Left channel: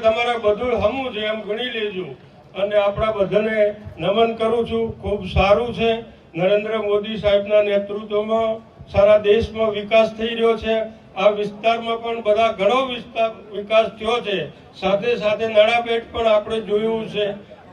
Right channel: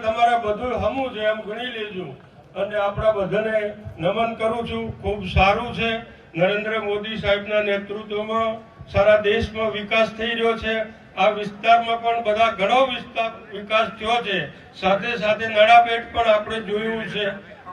તમારા બધું હમું છે, એમ ગણી લેજો. અને આપણા બધાને નમન કરું છું. ખૂબ સારું છે. નરેન્દ્ર મોદી સાહેબના નેતૃત્વમાં સારા દેશમાં વિકાસ થઈ રહ્યો છે. આ વિસ્તારમાં પણ બધા ઘણો વિસ્તાર વિકાસ થયો છે. સાથે સાથે નાણાપેટ પણ આપણે જોયું છે.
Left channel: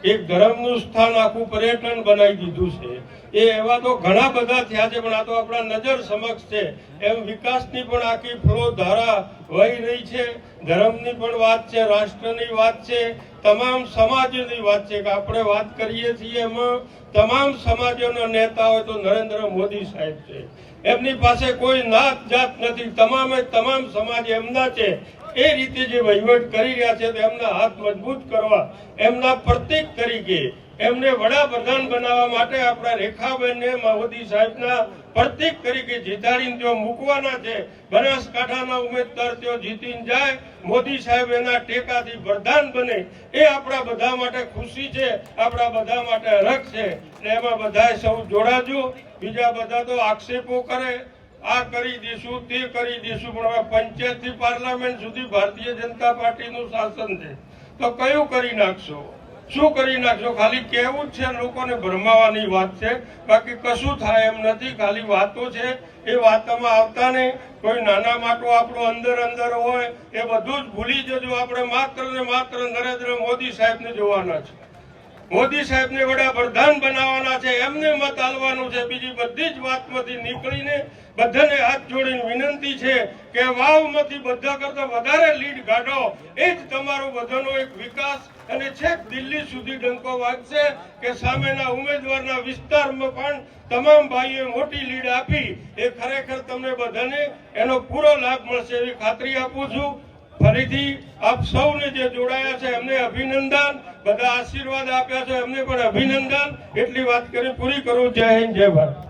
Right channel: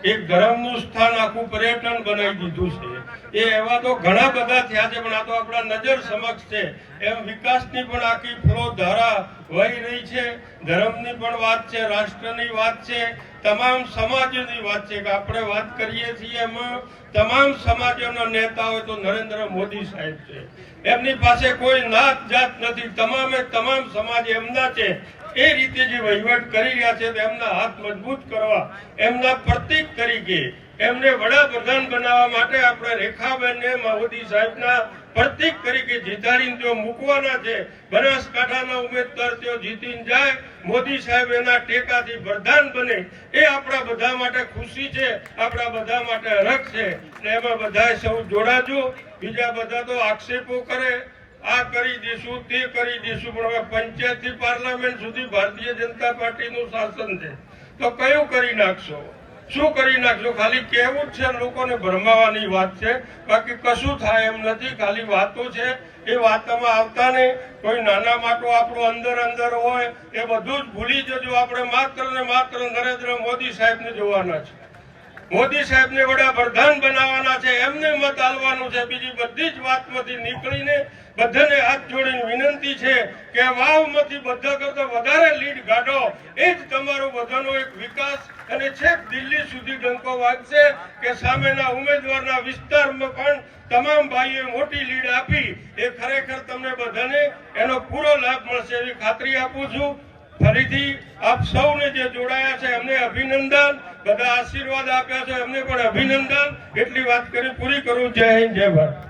એક ધર્મનું સ્થાન આખું પર્યટન બનાવી દીધું છે. એ એવા તો ઘણા બધા થયા છે, પણ આ તો આપણા નજર સમક્ષ છે. એમ વિકાસની પણ આખી ફ્લો ધારા વહી રહી છે. ધર્મની પણ વાત છે, રાષ્ટ્રની વાત છે, તમામ સમાજોની વાત છે. કે આપણે વાત કરીએ છીએ એમાં તમામ સમાજોના નેતા હોય તો નરેન્દ્ર મોદી સાહેબ છે. એમની પાસે કોઈ નાત જાત નથી. તમામે તમામ સમાજ એમના છે. એ રીતે જે વહીવટ કરી રહ્યા છે તેમના હાથ મજબૂત કરવા, એમના પ્રતિક તરીકે એમને વડાપ્રધાન બનાવવા માટે આપણા રેખાબેનને મોદી સાહેબના પ્રતિક તરીકે જીતાડીને તેઓ મૂકવાના છે. બનાસકાંઠાના ઉમેદવાર તેઓ જીતીને જાય, મોદી સાહેબ એના ટેકાથી પ્રધાન બને. એ આપણા બધા માટે ખુશી છે, આપણા બધા માટે રખ છે. ને એમાં બધાએ સૌ જોડાજો. બીજા બધા તો આક્ષેપો કરે. આ કરી દઈશું, તે કરી દઈશું, પણ હવે પંચાયતથી પાર્લામેન્ટ સુધી ભારતીય જનતા પાર્ટીનું શાસન છે. તો કયું કરી નાખશો? શું કરી નાખશો? ખાલી કહેવું જ છે લોકોને ભરમાવાની વાત છે. બાકી કશું થાય એમ નથી. ખાલી વાતો છે. એ વાતોમાં આવતા નહીં. કોઈ નાના માટો આપણો અંદર અંદર હોય, એ બધું જ ભૂલી જજો. આપણે માત્ર ને માત્ર નરેન્દ્ર મોદી સાહેબને જોવાના છે. મોદી સાહેબને વડાપ્રધાન બનાવવાના છે, એમને મત આલવાનું છે. બીજી બધી જ વાતમાંથી નીકળીને બધાને હાથ જોડીને વિનંતી છે કે વાવમાંથી બધા કરતા વધારે લીડ કાઢો. એ જ તમારો બધાનો એક વિકાસ અને છેક દિલ્હી સુધી ડંકો વાગશે કે સામેના ઉમેદવારના વિસ્તારમાં પણ તમામ ભાઈઓએ મોટી લીડ આપી. એ ખરેખર તમને બધાને એનો પૂરો લાભ મળશે એવી ખાતરી આપું છું. ફરીથી આપ સૌને જે જોડાયા છે, એમને અભિનંદન. બધા આશીર્વાદ આપ્યા છે, એમને પણ અભિનંદન. એટલી વાત કરી, પૂરી કરું. જય હિન્દ, જય ભારત.